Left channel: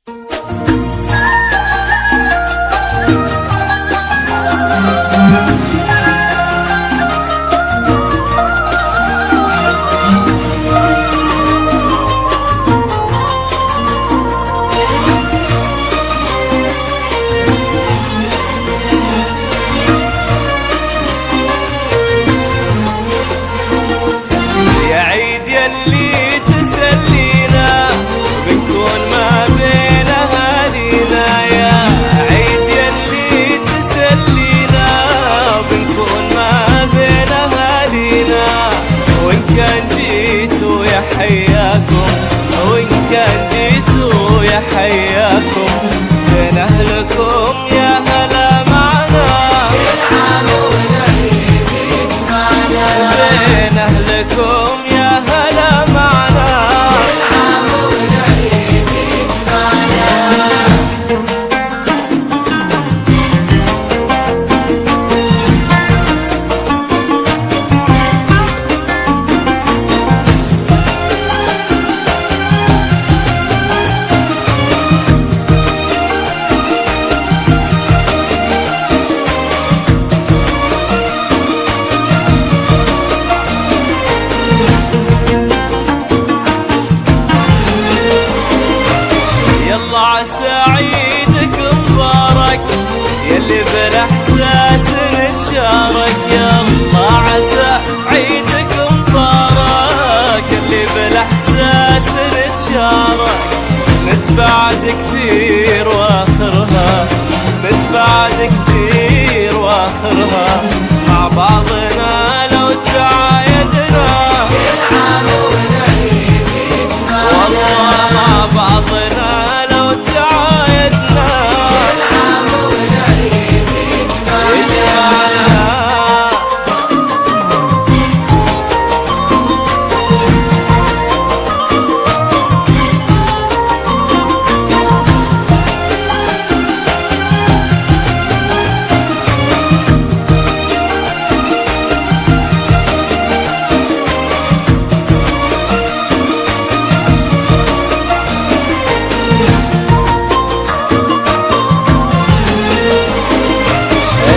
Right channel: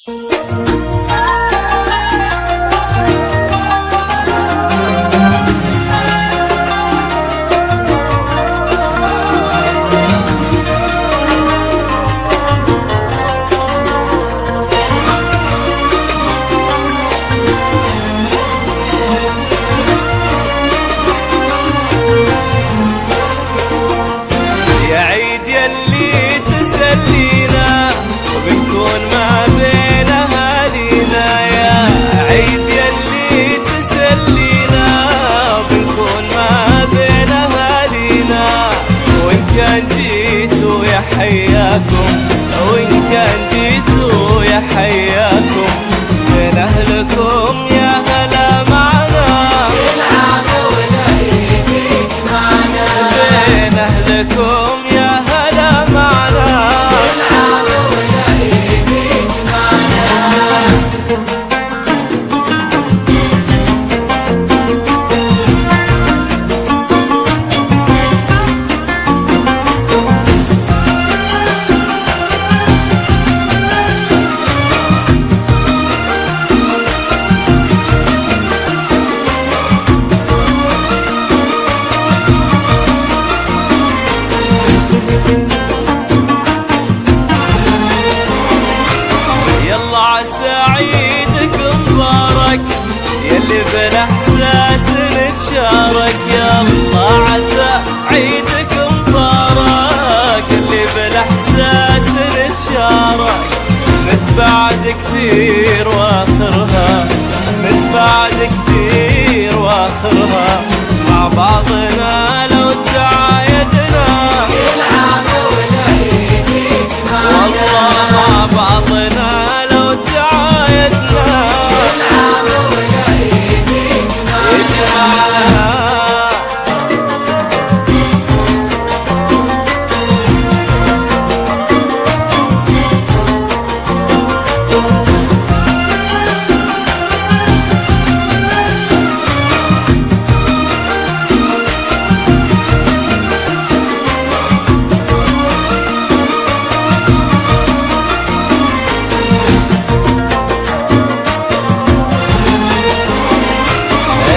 يا عيد يلي تسلينا بنكون ما بين أهالينا، يا عيد يلي تسلينا بنكون ما بين أهالينا. وإن كان جيتوا يا حياكم، وإن كان جيتوا يا حياكم، بين أهلكم يا هلا معنا، بين أهلكم يا هلا معنا. يلا عسى عيدك مبارك يلي بالاحساس نتشارك، يلا عسى عيدك مبارك يلي بالاحساس نتشارك. نتبعد كثير واخرها، نتبعد كثير واخرها، مع بعضنا لو تعايدنا، والله مع بعضنا لو تعايدنا يجمعنا.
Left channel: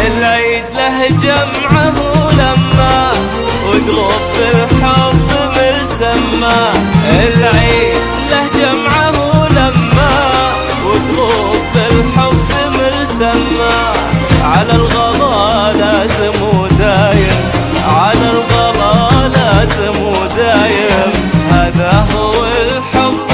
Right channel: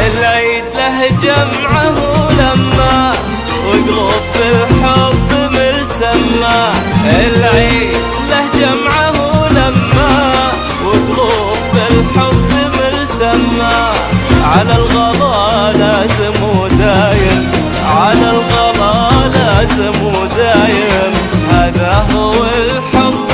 العيد له جمعه لما وقلوب بالحب ملتمة، العيد له جمعه لما وقلوب بالحب ملتمة. على الغلا لازم ودايم، على الغلا لازم ودايم، هذا هو الحب